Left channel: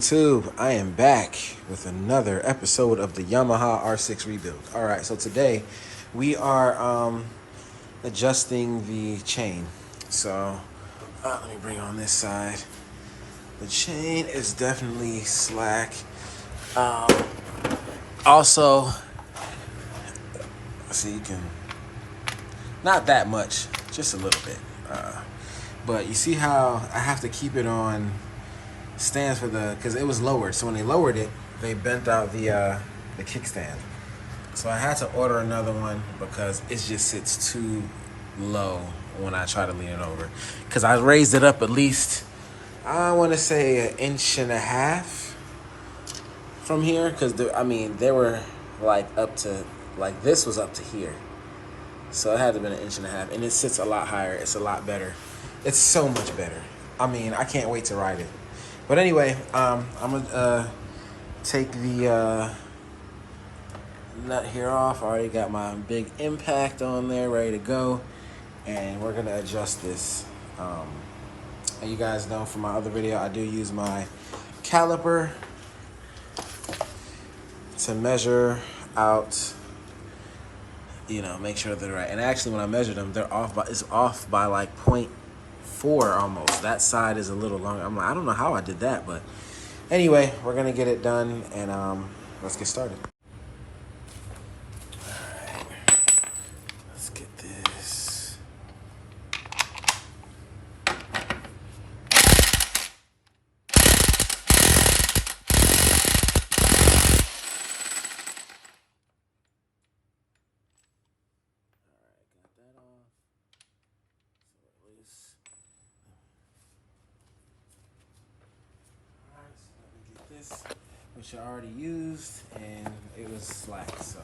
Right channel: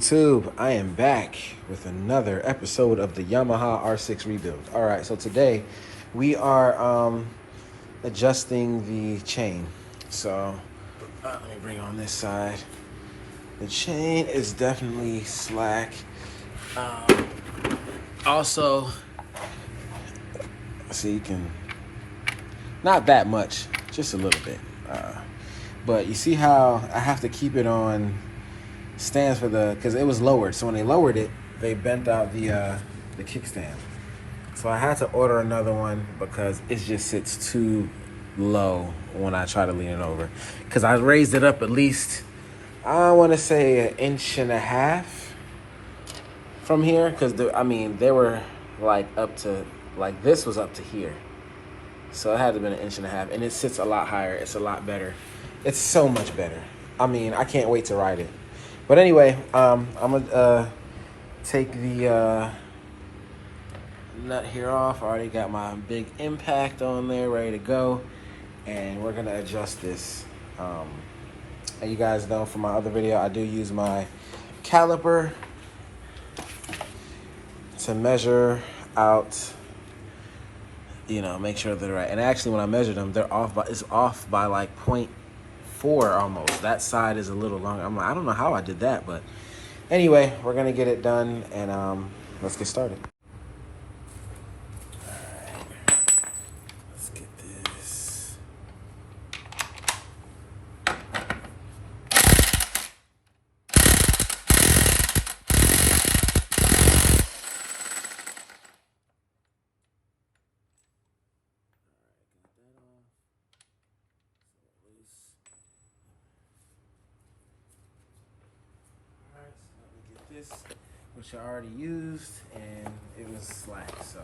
YouTube? I am back with another episode of the Yamaha R6 rebuild. All right, so today we are adjusting the chain. So let me bring on this side. The chain is definitely slack. Also, see, you can, not that much, just a little bit. But you see how I have to keep it on stands for because it was lowered. So when they lowered it, they bent out the kickstand. So I had to order another one because it just sits too low when I try to lean it over. Because I raised it up at least, I want to say 1.5 inches from here. Because they were like up to, like this was up to here. So it had to have been 1.5 inches, and it sits a lot higher. It's a lot better. It's so much better. I mean, I can't wait to ride it. But anyway, I'm gonna take the nut here off. I already got my big impact on there, ready to go, and we're gonna adjust this. And you guys know from my other video, I do use my caliper to measure out. You know, make sure they're right. And actually, when I measured them, it's off by like 0.4 almost. That side is a little longer. I'm like, I don't know how I did that, but anyway, we're gonna get it done, and let's get started. All right, let's get this. Which I already used, and it was slack, so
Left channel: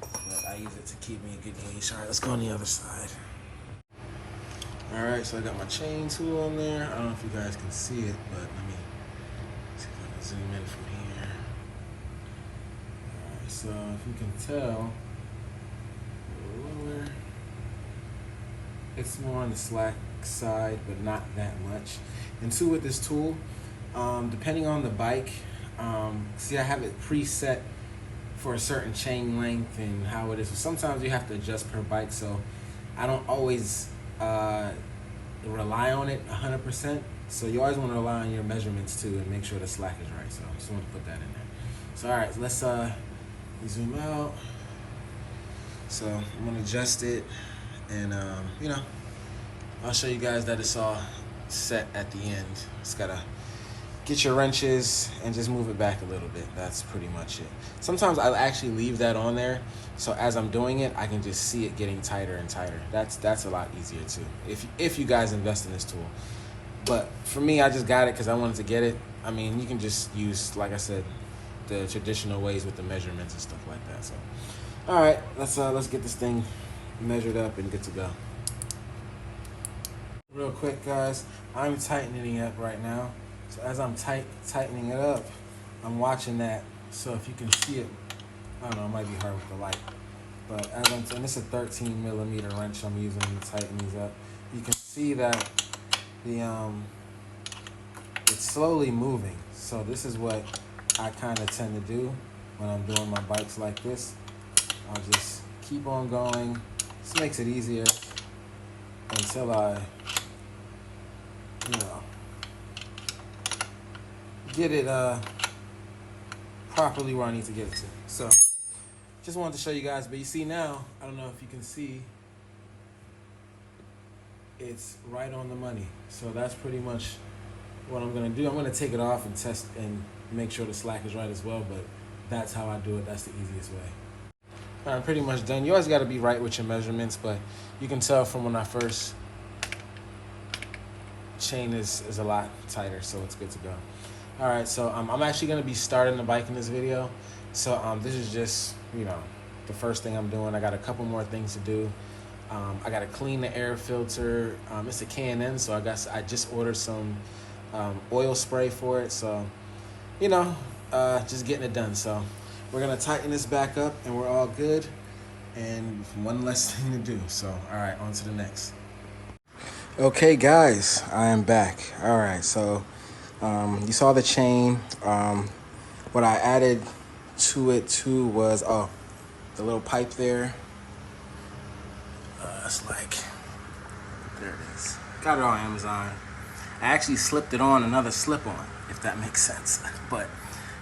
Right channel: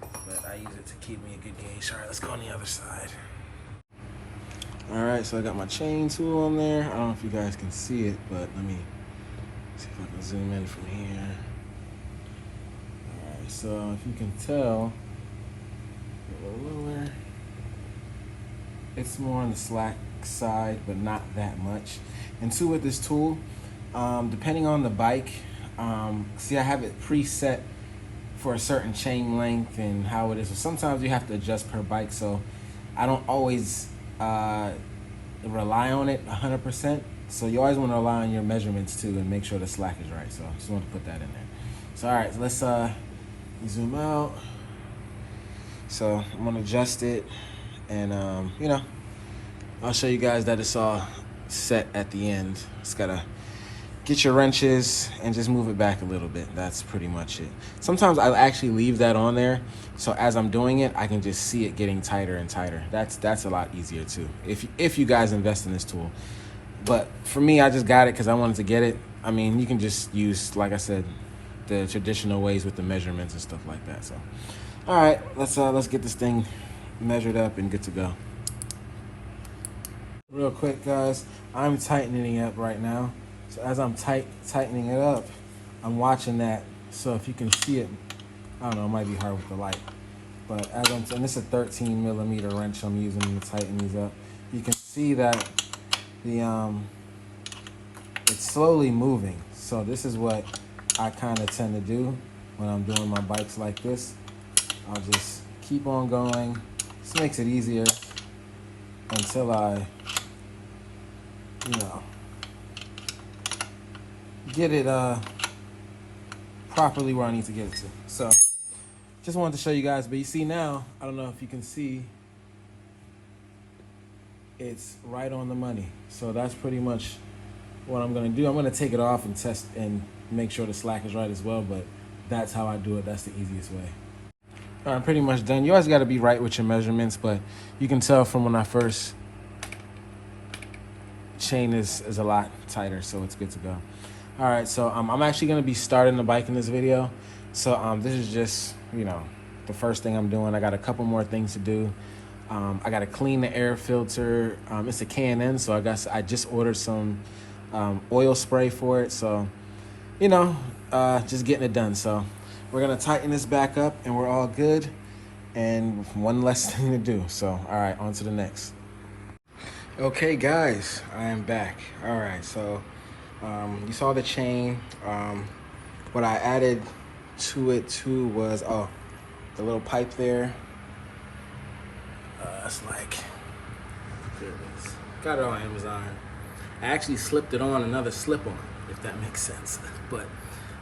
but I use it to keep me a good gauge. All right, let's go on the other side. All right, so I got my chain tool on there. I don't know if you guys can see it, but let me see if I can zoom in from here. All right, so if you can tell, a little lower. It's more on the slack side, but not that much. And two, with this tool, depending on the bike, see, I have it preset for a certain chain length and how it is. So sometimes you have to adjust per bike, so I don't always rely on it 100%. So you always want to rely on your measurements too and make sure the slack is right. So I just want to put that in there. So all right, so let's zoom out. So I'm gonna adjust it, and you know, I'll show you guys that it's all set at the end. Just gotta get your wrenches and just move it back a little bit. That's pretty much it. Sometimes I actually leave that on there, so as I'm doing it, I can just see it getting tighter and tighter. That's a lot easier too, if you guys invest in this tool. But for me, I just got it because I wanted to get it. I mean, you can just use, like I said, the traditional ways with the measurements and stuff like that. So, all right, let's get this thing measured up and good to go. Real quick, guys, I'm tightening it up right now. So as I'm tightening it up, I'm watching that. So if you can see it, I don't know, it might be hard with the light. But as and this is a 13mm wrench I'm using to tighten these up. You can see that it's slowly moving. So this is what I kind of tend to do when I'm doing my bikes like this. I'll just keep on going. This makes it easier until I, get it properly where I need to get it to. So just wanted to show you guys, but you see now, I don't know if you can see, it's right on the money. So that's pretty much what I'm gonna do. I'm gonna take it off and test and make sure the slack is right as well, but that's how I do it. That's the easiest way. All right, I'm pretty much done. You always gotta be right with your measurements, but you can tell from when I first, chain is a lot tighter, so it's good to go. All right, so I'm actually gonna be starting the bike in this video. So this is just, the first thing I'm doing. I got a couple more things to do. I gotta clean the air filter. It's a K&N, so I just ordered some oil spray for it. So, just getting it done. So we're gonna tighten this back up and we're all good. And one less thing to do. So, all right, on to the next. Okay, guys, I am back. All right, so You saw the chain. What I added to it too was, oh, the little pipe there. It's like, there it is. Got it on Amazon. I actually slipped it on another slip-on, if that makes sense. But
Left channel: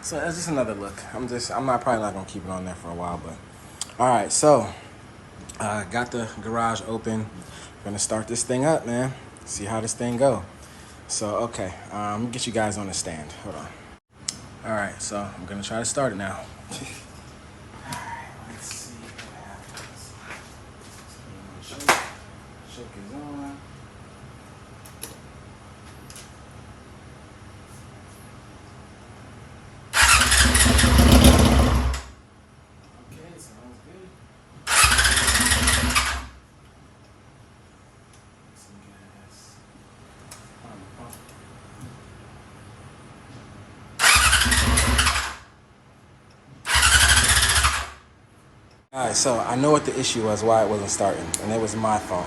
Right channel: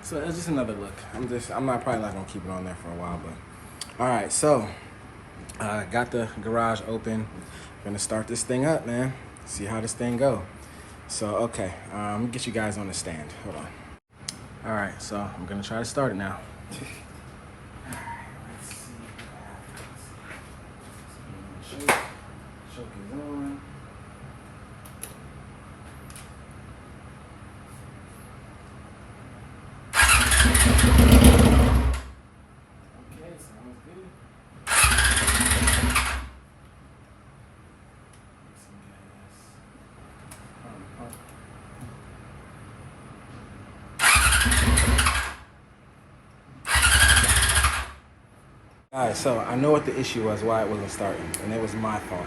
so that's just another look. I'm probably not gonna keep it on there for a while, but all right. So got the garage open. Gonna start this thing up, man. See how this thing go. So okay, let me get you guys on the stand. Hold on. All right, so I'm gonna try to start it now. Let's see. Choke is on. Okay, sounds good. Some gas. Pump. All right, so I know what the issue was, why it wasn't starting, and it was my fault.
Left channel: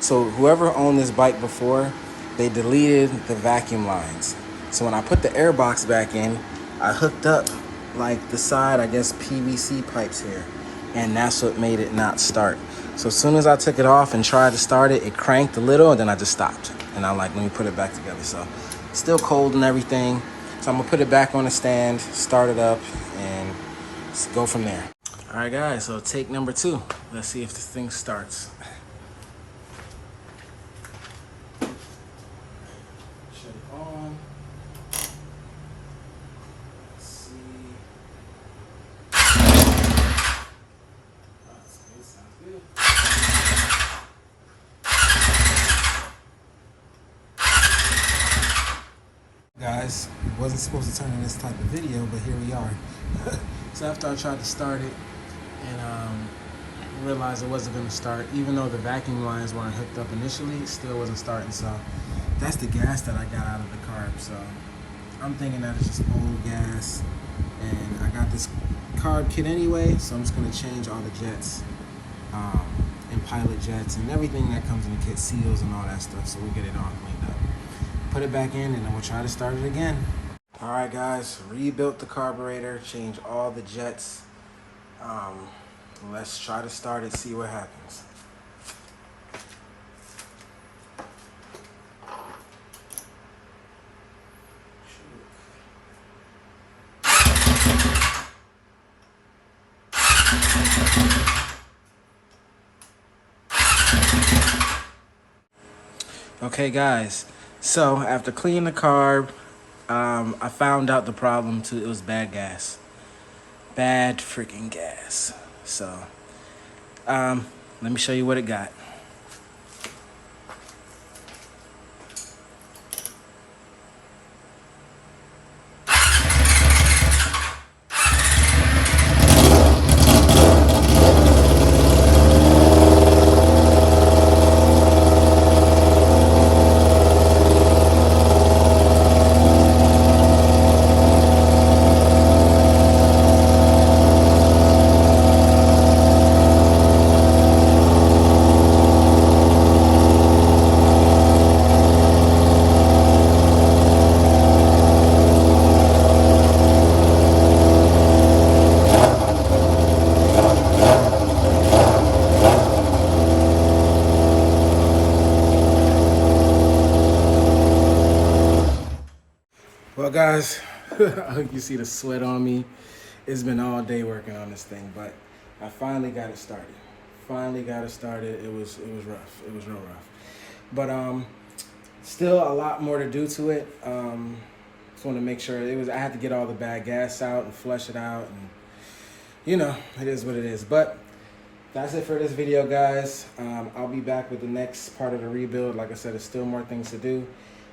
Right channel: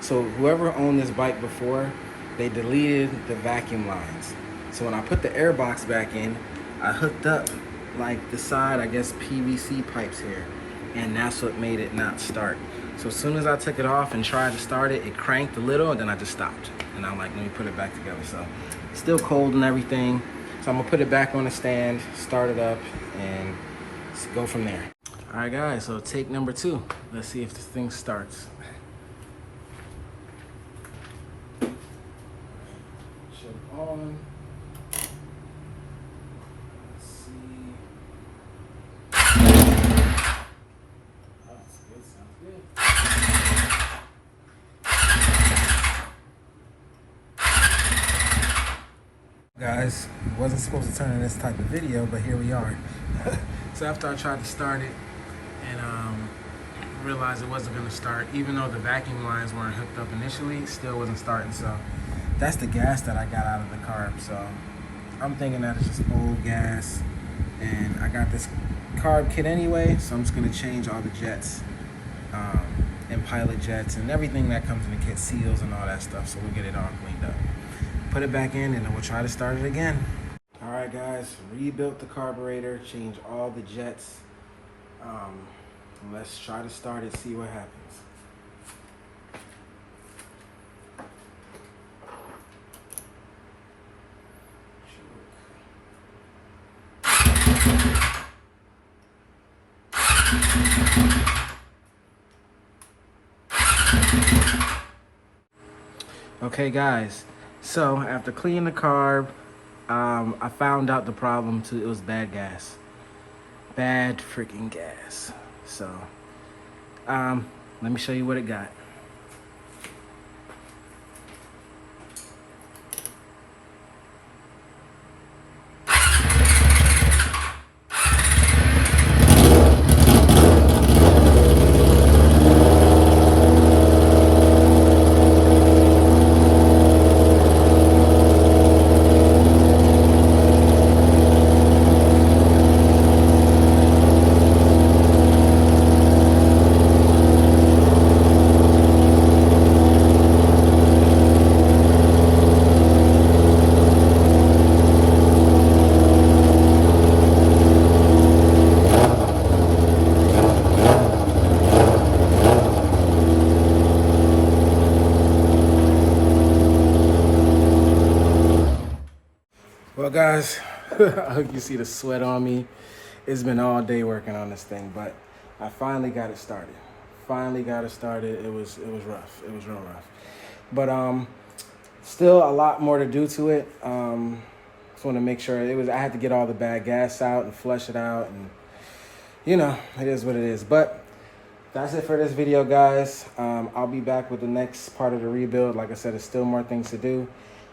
So whoever owned this bike before, they deleted the vacuum lines. So when I put the air box back in, I hooked up like the side, I guess, PVC pipes here, and that's what made it not start. So as soon as I took it off and tried to start it, it cranked a little, and then I just stopped. And I'm like, let me put it back together. So it's still cold and everything. So I'm gonna put it back on the stand, start it up, and go from there. All right, guys, so take number 2. Let's see if this thing starts. Check on. Let's see. Oh, that's good, sounds good. Guys, wasn't supposed to turn in this type of video, but here we are. So after I tried to start it, and realized it wasn't going to start, even though the vacuum lines weren't hooked up initially, it still wasn't starting. So that's the gas that I got out of the carb. So I'm thinking that it's just old gas, and I got this carb kit anyway, so I'm just going to change all the jets and pilot jets and everything that comes in the kit, seals and all that stuff, so we get it all cleaned up. Put it back in, and then we'll try to start it again. All right, guys, rebuilt the carburetor, changed all the jets. Let's try to start it, see what happens. Okay, guys, so after cleaning the carb, I found out the problem too. It was bad gas. Bad freaking gas. So let me show you what it got. Well, guys, I hope you see the sweat on me. It's been all day working on this thing, but I finally got it started. It was rough. It was real rough. But still a lot more to do to it. Just want to make sure I had to get all the bad gas out and flush it out, and you know, it is what it is. But that's it for this video, guys. I'll be back with the next part of the rebuild. Like I said, there's still more things to do.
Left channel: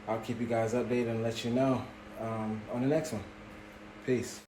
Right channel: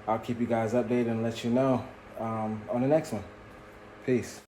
I'll keep you guys updated and let you know on the next one. Peace.